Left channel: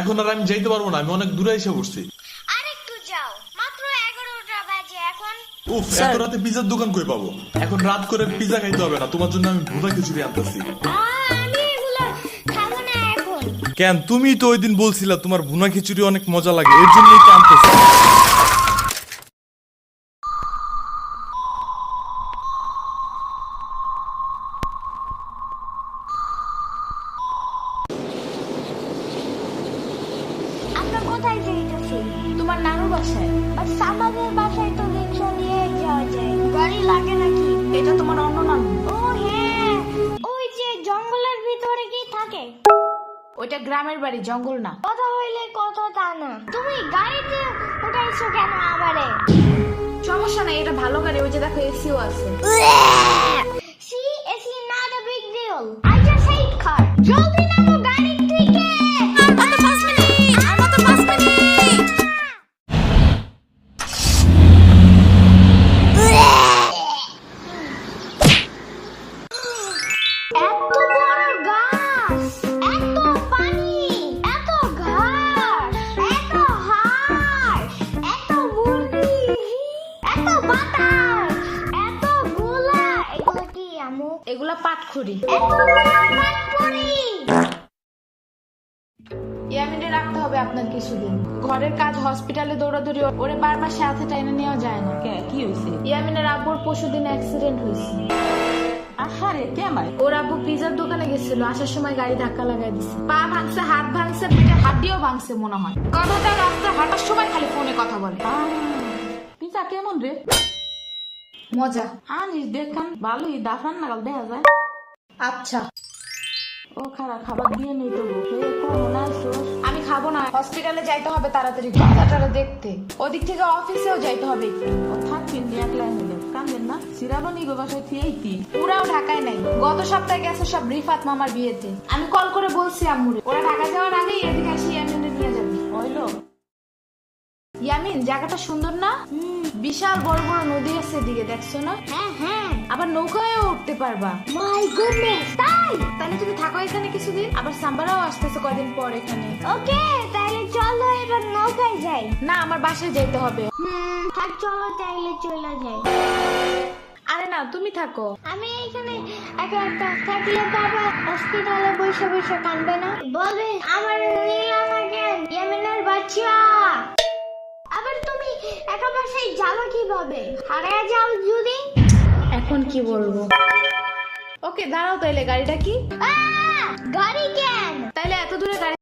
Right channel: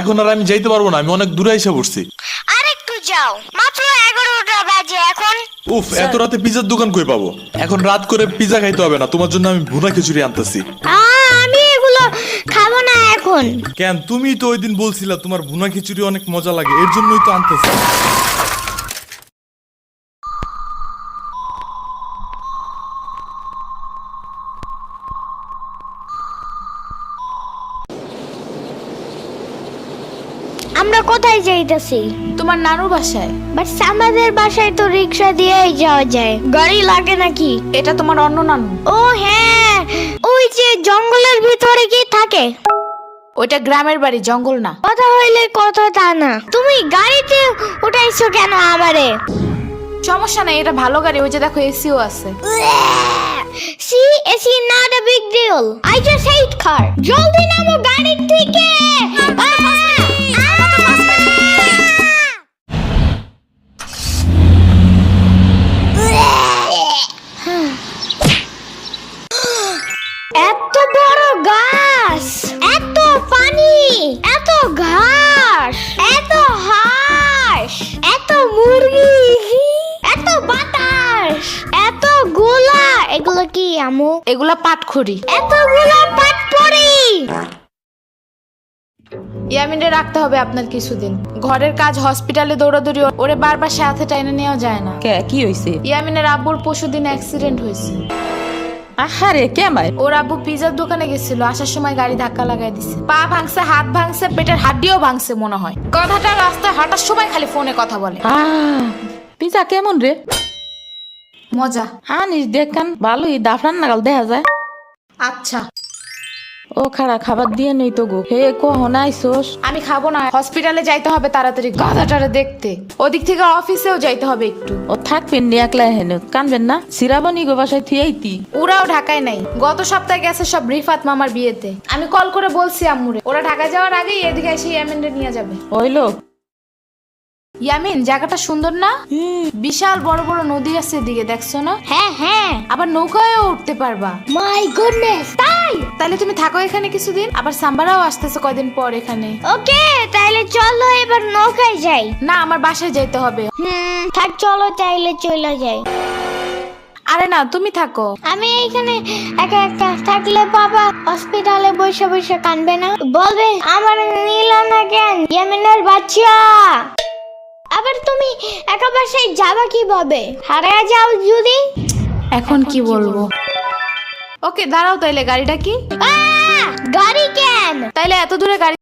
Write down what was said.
এখন আর আমি যাইতে পারবো না, আমি অনেক দূরে এসে পড়ছি। আরেকটু যাও, মাত্র 11টা বাজে এখন। উফ, এত রাতে পিজার দোকান কই পাবো? এখন রাত করে পিজা খাইতে হবে না, তোমার জন্য আমি ভুনা খিচুড়ি আনতেছি। আমি এগুলো খাবো না এখন। কেন? তুমি তো ওই দিন বলছিলা তোমার ভুনা খিচুড়ি অনেক মজা লাগে, এর জন্যই তো আনতেছি। আমরা কোথায় যাইতেছি? তোমার নানুর বাসায়। বাট আমাদের বাসায় তো রিক্সা দিয়েই যাওয়া যায়, গাড়ি লাগে নাকি? এটা তোমার অন্য নানু। ও হ্যাঁ, ওই যে জঙ্গলের ভিতরে কি থাকে? ওইটা গ্রামের বাড়ি, জঙ্গল না। কথা হইলে কথা তা না। তুমি গাড়িতে উঠাইছো কেন আমারে? সমস্যা নাই, এটা ভালো গাড়ি। ওই যে দেখো, এসিও আছে। See, it's not a big deal. I just hate car. জলদি নামো গাড়ি থেকে। এত বড় গাছ, এত পানি, এত ঘাস, এত হাঁস, এত মুরগি, এত বাতাস, এত গোলা। এগুলো কি আমু? এগুলা পাটখড়ি। এতগুলো পাটপড়ি। ইয়ামিনে রাখতে হবে আপনার কিছুদিন। ঘরের কাজ, হসপিটালে দৌড়াদৌড়ি, ওরে বারবার সাথে টাইনে নেওয়া যায় না। কে কি হইছে? ইয়ামিনের আব্বুর পরশুদিন অ্যাক্সিডেন্ট হয়েছে। আহারে কেমাই? ওর আব্বু পিজার দোকানে গেছিল, আসার সময় গাড়ি ধাক্কা লাগাই দিছে। পা ভাঙছে, হাত ভাঙছে, পেটের হাড্ডিও ভাঙছে মনে হয়। কথাটা রাস্তায় হাঁটার সময় খালি ফোনে কথা বলে। পিজা কেমন রে? মজা। আনিস দেখান, ভালোই দাফরান নাগাল দেখা যায়। আচ্ছা, ও খাড়া খাবার দিয়ে নেই তো গো। হে কখন আইসোস? আমি খাবো না, হসপিটালে যাইতে হবে তাড়াতাড়ি গাধাটারে দেখতে। ওদিক থেকে অফিসেও যাইতে হবে একটু। ও থাকবেন নি একলা হেন, কানবেন না? সিরাবনি গো বাসায় থিয়াইতি। ওরাও ঢাকায় নাই, গত সপ্তাহে গেছে সব রিফাত মামার বিয়েতে। আমি কল করে বলছি আম্মুরে, ওরা ঢাকা যাওয়ার আগেই এদিকে এসে ইয়ামিনরে নিয়ে যাবে। ওইলো ইয়ামিন, জায়গাটা সুন্দর না? বিশাল বড় বড় নদী আছে এদিকে, দেখছো না? হ্যাঁ হ্যাঁ, আবার নৌকায়ও উঠতে পারবা। মাই গুডনেস, তাই? তাহলে তুমি থাকো এখানে কিছুদিন, আবার সাম্বারাও আসতেছে কয়দিন পর এখানে। ওকে, তাইলে চলো এবার নৌকায় যাই। না, আমার বাসায় যাইতে হবে। থাক, চলো তাইলে চলে যাই। আরে না, তুমি থাকো। আমি এখানে একা একা থাকলে বাবা হসপিটালে বসে বসে কানবে না? বলবে আমার নিল না কেন ইয়ামিনের বাচ্চা। আবার তুমি একা বাসায় যাবা কিভাবে? হারিয়ে যাও যদি? এখন কি বলবো? ওকে দাঁড়াও, তাইলে গাড়িটা কি? গাড়ি কেন? তাইলে এত দূরে গাড়ি